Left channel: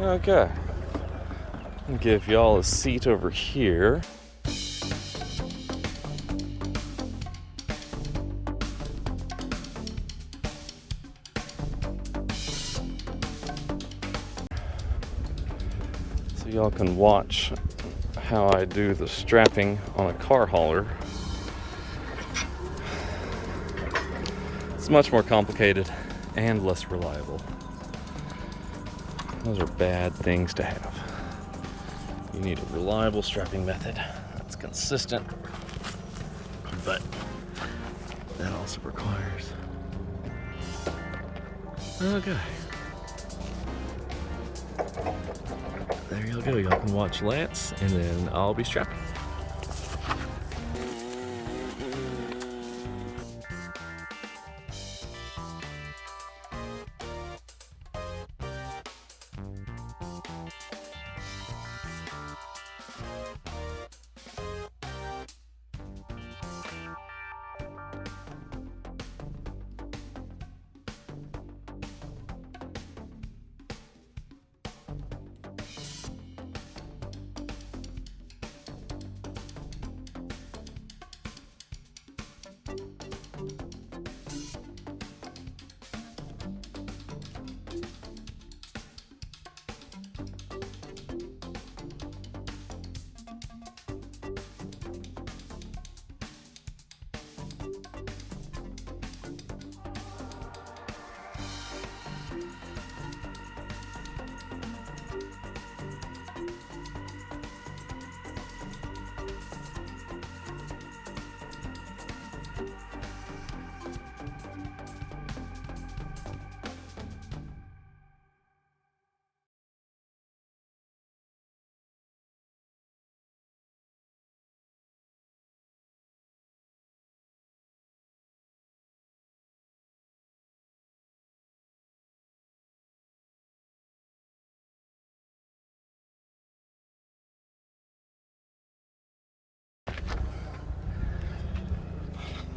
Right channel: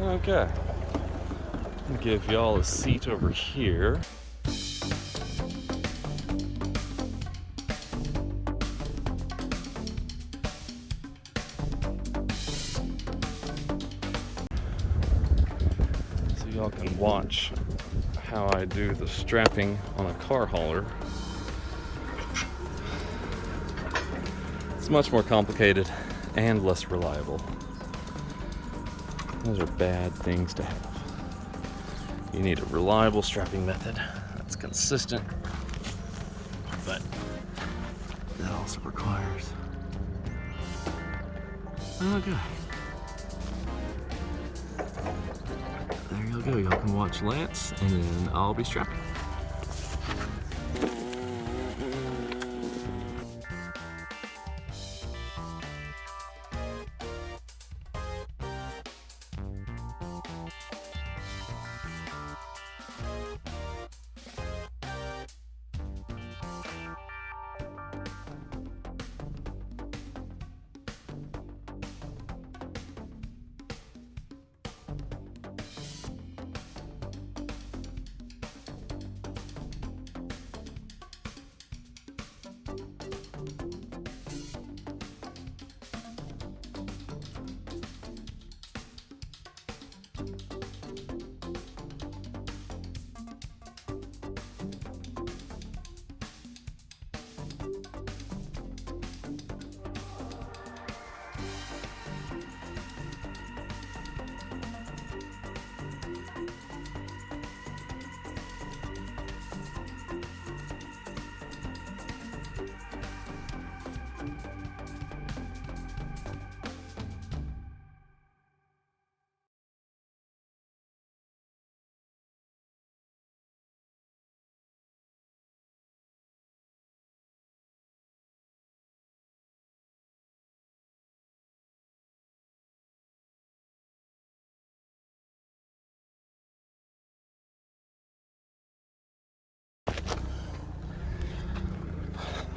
Okay. I'll give y'all a seat over here. So y'all can watch how I do the strapping on a car hauler. It's much more complicated and less reliable. Those are bad things to have. You need a reliable strapping method that's consistent, but that also requires... Okay. There you'll go. Y'all can watch Lance, and then I'll be strapping.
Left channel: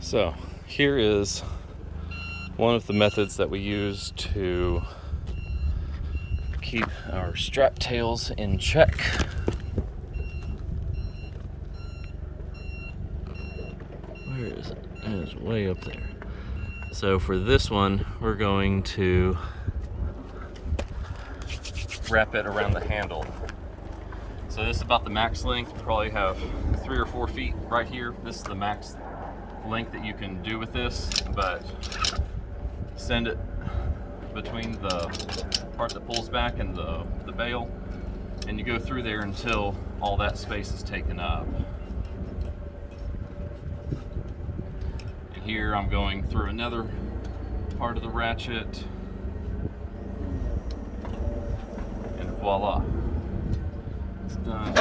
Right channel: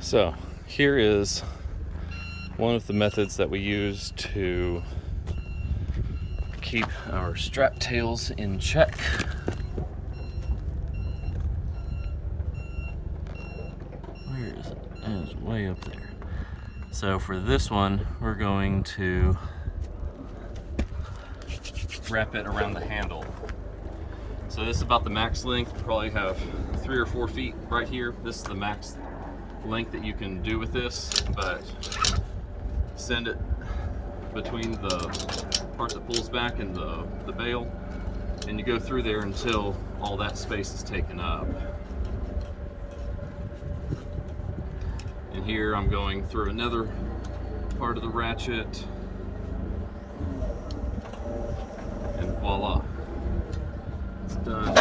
So here is one of the methods that we use to keep our strap tails in check. Where is it? It's way up there. So for this one, we're going to wrap it around the handle. So this is about the max length. You probably have 3 or 4 feet right here. This is the max length that you can do with this, but send it between the part that pulls back and the bail, and you go through there until all that space is taken up. And here I'm going through another part of the ratchet, and voila, it's done.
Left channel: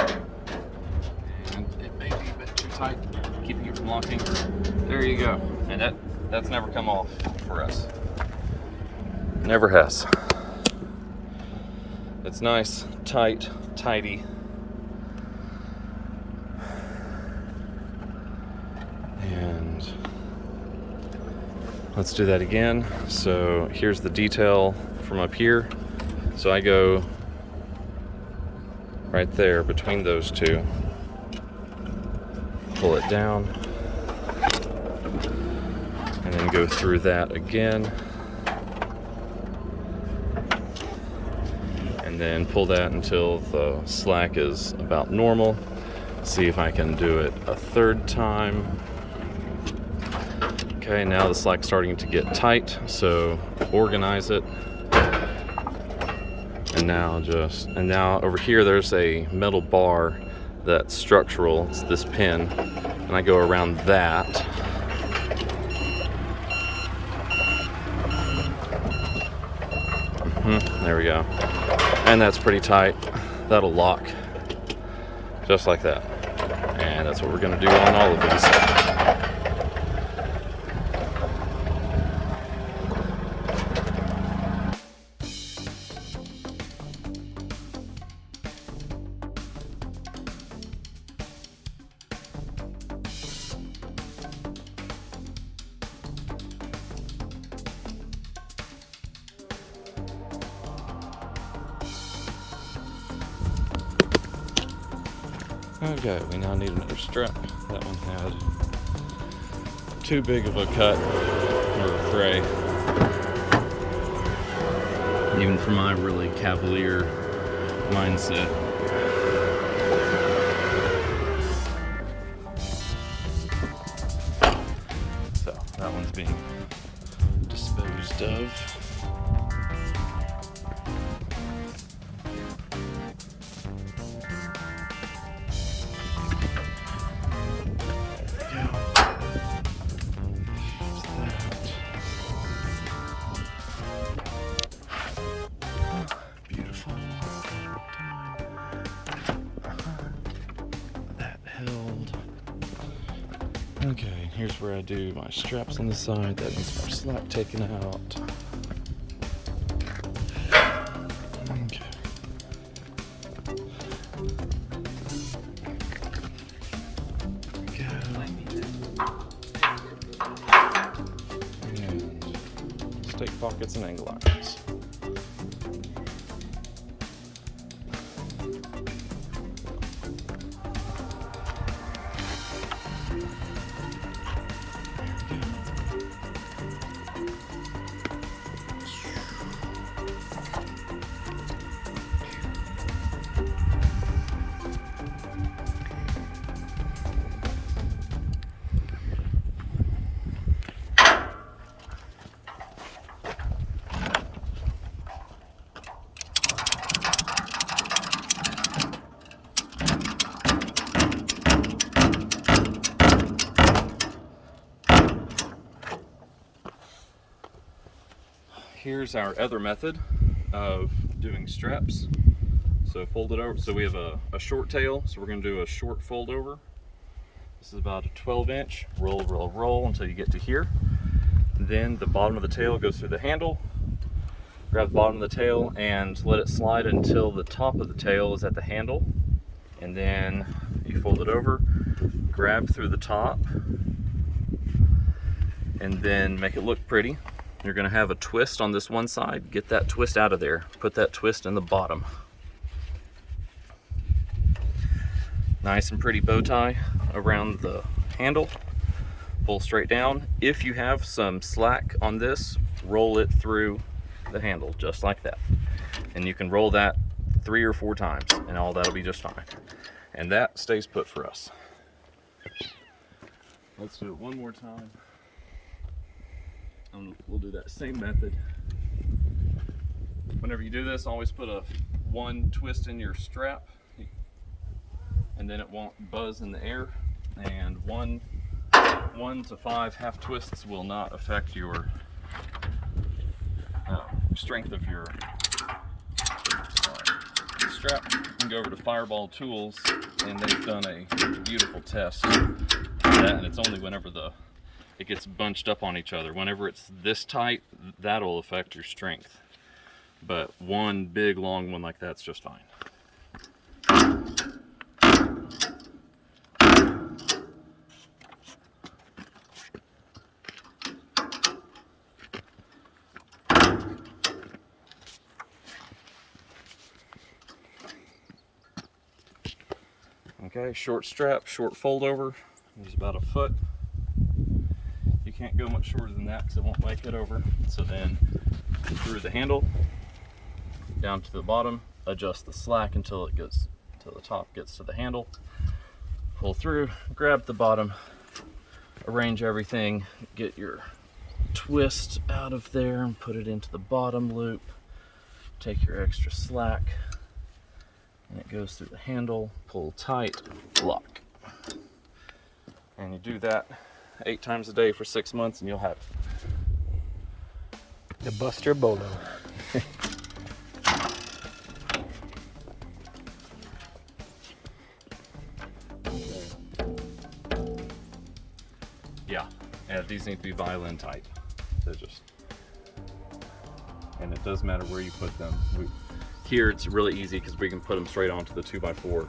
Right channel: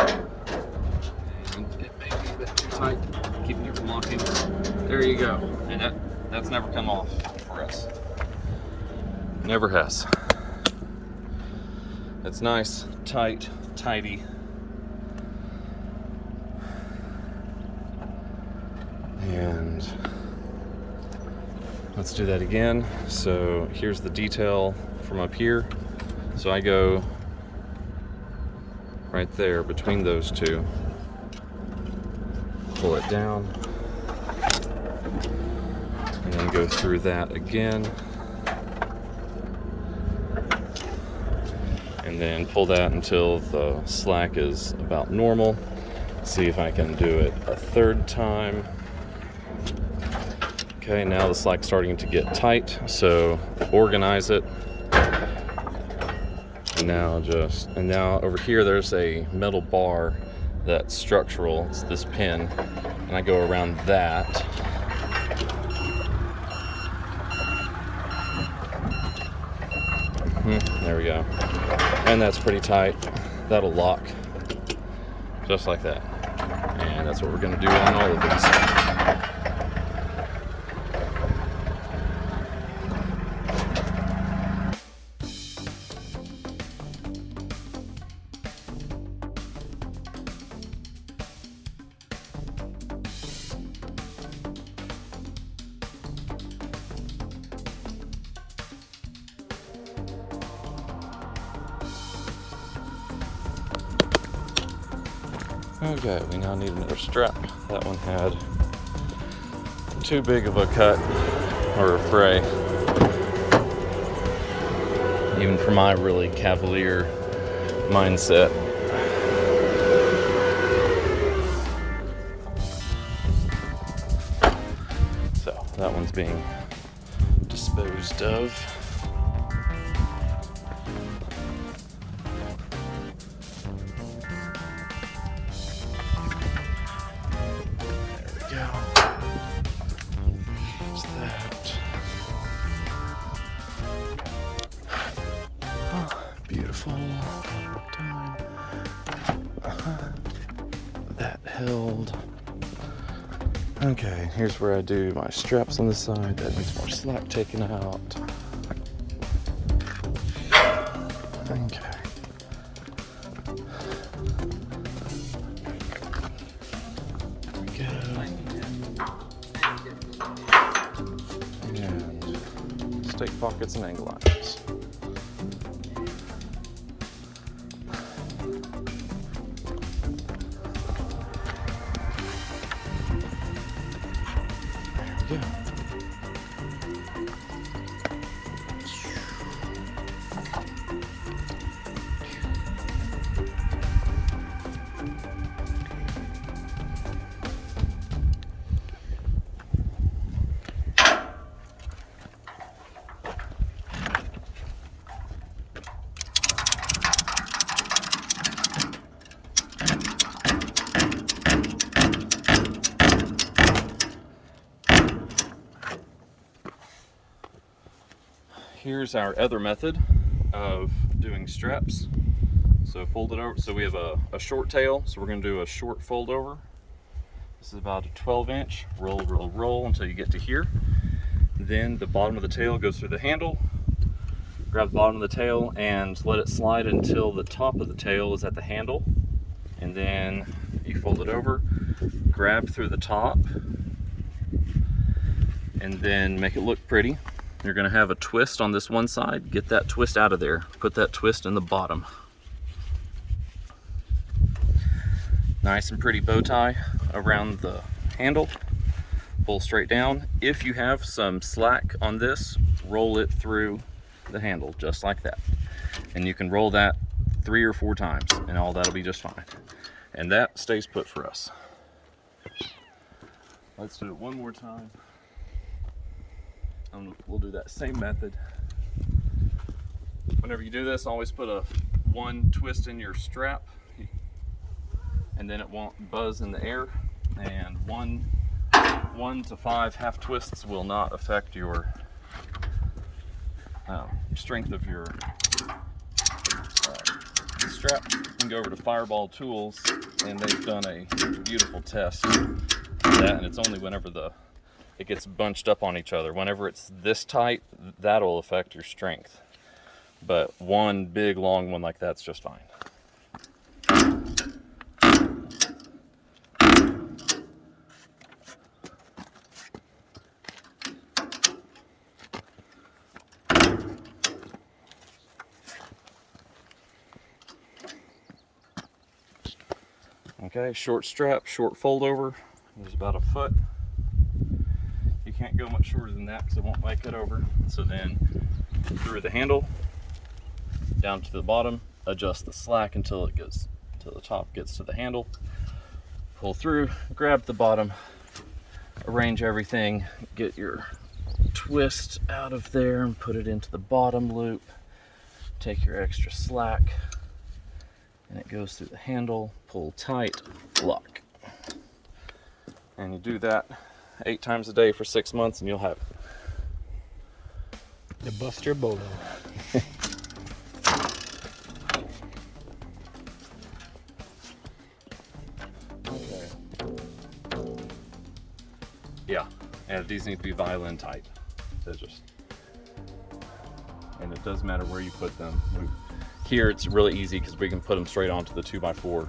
And it may be a bit too tight, keeping it from locking. There you go. And that's never come off for us. Never has. It's nice, tight, tidy. And let's do that again. So here's the detail from up here. So I go right there between those two. Pull it down. And then go through that again. And then pull that until the slack is about normal. See if I can do it a third time. Okay, now the slack's starting to get tight, so organize it. And now over here there's a metal bar that's structural. It's this pin, and I go around that. There we go. And that's pretty tight. That'll lock just like that. And that's what we're going to do on all of these. Okay, we now need another strap. That one had too big of a cut or a fray, even for my really cavalier mindset. So that one's being disposed of. Beautiful. That held. Okay, here's where I do my straps on the side. That needs more slack taken out. Okay. There we go. And stake pockets and angle irons. Here's our other method of doing straps. So fold it over. So we have a short tail, so we're going to do a short fold over. This is about a 12-inch. Roll, roll, roll until you get to here. Then the bottom of the tail goes through the handle. Grab the bottom of the tail and let it slide until the top of the tail is at the handle. And then you fold it over, grab through the top, and then make it look pretty. You're going to have a twist on this one side. Get that twist out of there. Put that twist in the bottom. Nice and pretty bow tie around the handle. Pull straight down. If you have some slack on this, roll it through the handle just like that. And you can roll that 3 or 4 times and all that'll be just fine. And that stays put for us. Let's do it one more time. We'll do that same method. Whenever you do this, always put one twist in your strap, and then it won't buzz in the air. And 1 to 5 half twists will not affect your strength of your strap. You can go over to Fireball Tools, and they've done a beautiful test of that. And it's only whenever it gets bunched up on each other. Whenever it's this tight, that'll affect your strength. But one big long one like that's just fine. Okay, short strap, short fold over. There's about a foot. You can't go much shorter than that because it won't make it over. So then through the handle, down to the bottom, adjust the slack until the top gets to the handle. Pull through, grab the bottom, arrange everything, get your twist out of there and put it into the bottom loop. Take your extra slack and it goes through the handle, pull tight, lock. And you do that 8 times a day for 6 months and you'll have it. The Buster Bolo. Yeah, and these need to be violin tight. And it does matter where you put them. Here it's really easy because we can put them straight onto the 2x4,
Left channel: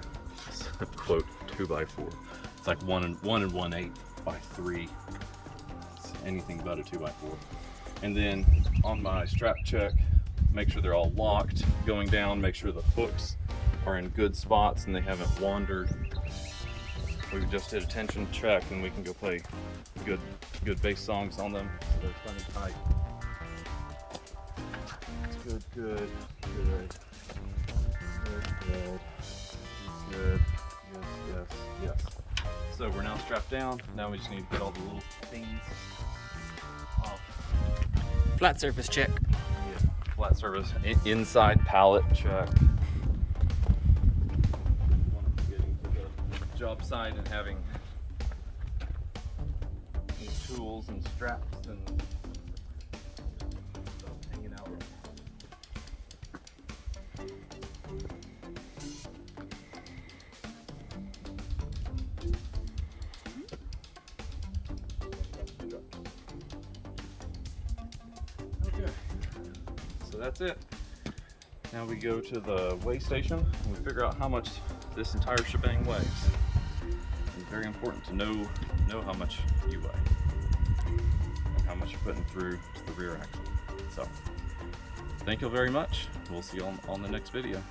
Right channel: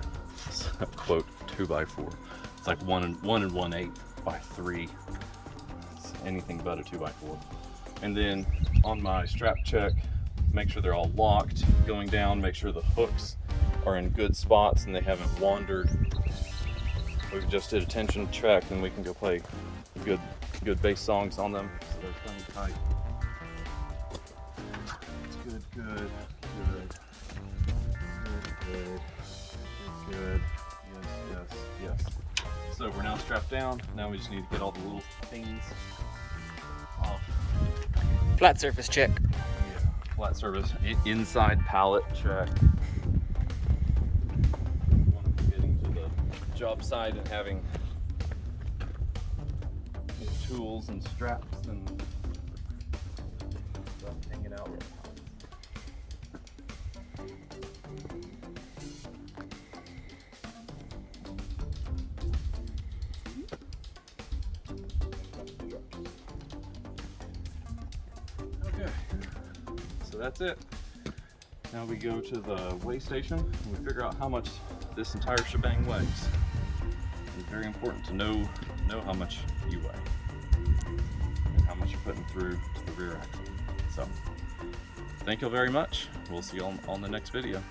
quote 2x4. It's like 1 1/8 by 3. It's anything but a 2x4. And then on my strap check, make sure they're all locked. Going down, make sure the hooks are in good spots and they haven't wandered. We just did a tension check and we can go play good bass songs on them. They're plenty tight. Good, good, good. Good. Yes, yes, yes. So we're now strapped down. Now we just need to get all the little things off. Flat surface check. Yeah, flat surface, inside pallet check. Getting to the job site and having tools and straps and stuff hanging out. Okay, so that's it. Now we go to the weigh station and we figure out how much this entire shebang weighs. It's very important to know how much you weigh and how much you're putting through to the rear axle. So, thank you very much. We'll see you on the next video.